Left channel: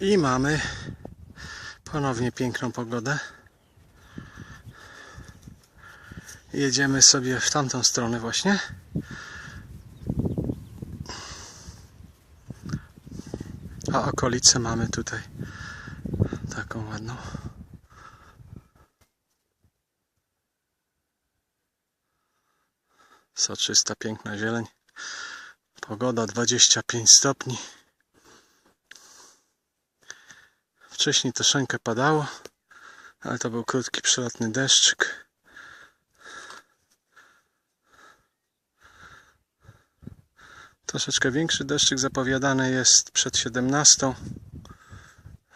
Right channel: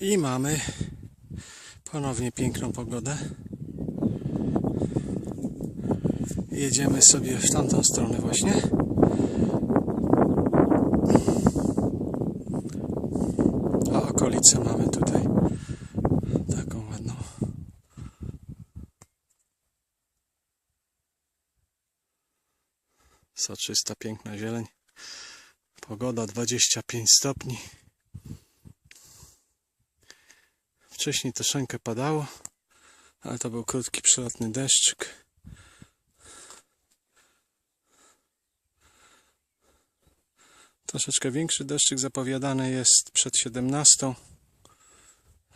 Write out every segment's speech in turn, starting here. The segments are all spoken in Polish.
I mamy ponownie piękną pogodę. Jedziemy sobie w tamtą stronę właśnie. A okolicę mamy tutaj taką ładną. Soczysta, piękna zieleń. Pogoda 25 stopni. Wcześniej troszeczkę padało, ale to był krótki, przelotny deszczyk. Troszeczkę większy deszczyk zapowiadany jest przed 17.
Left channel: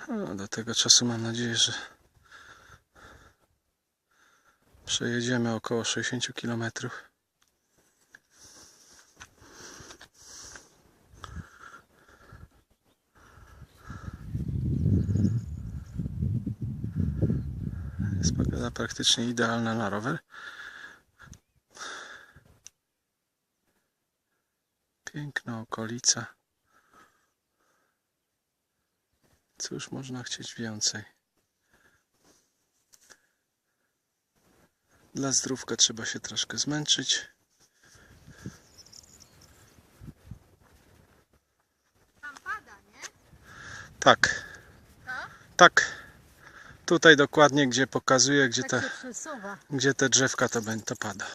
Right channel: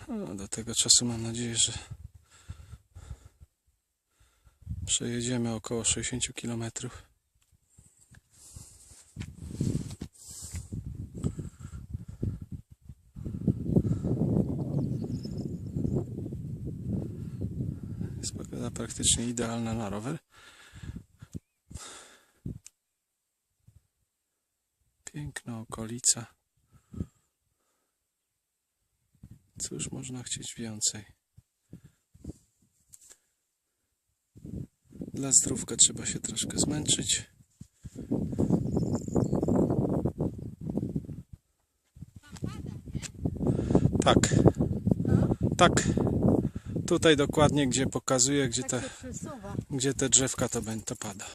No, do tego czasu mam nadzieję, że przejedziemy około 60 km. Jest pogoda praktycznie idealna na rower. Piękna okolica. Cóż można chcieć więcej? Dla zdrówka trzeba się troszkę zmęczyć. Tak. Tak. Tutaj dokładnie, gdzie pokazuje, gdzie, Tak te, przesuwa. gdzie te drzewka to to pada.